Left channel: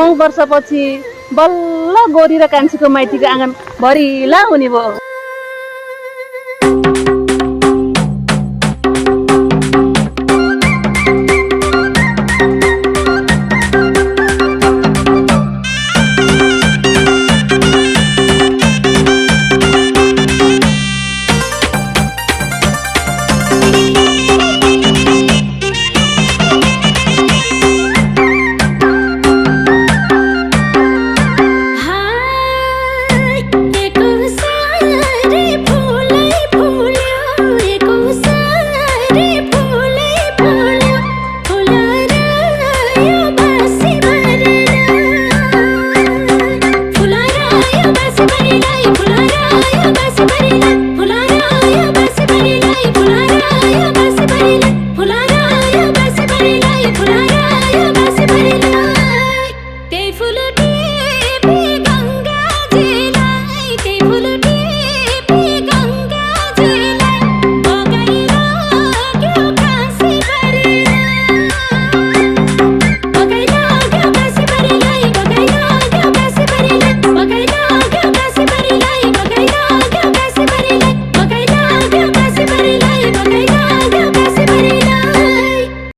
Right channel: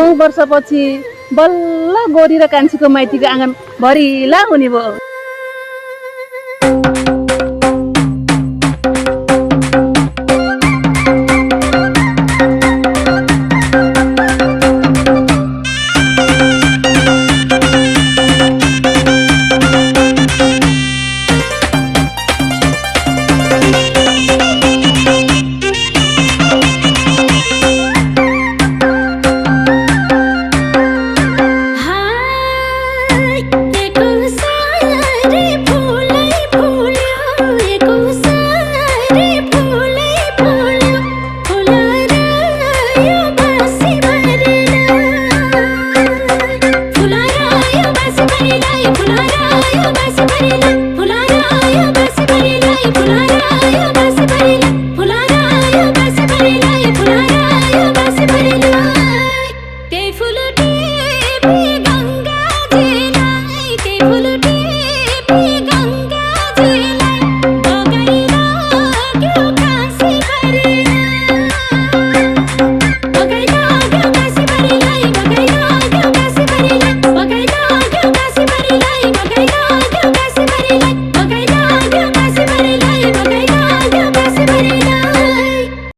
9 वर्षपछि बल्ल गोरी र कान्छीको माइतीको आँगन भरिला हुने भयो। फुलारा यो बासी भरिलाई फुलारा यो बासी भरिलाई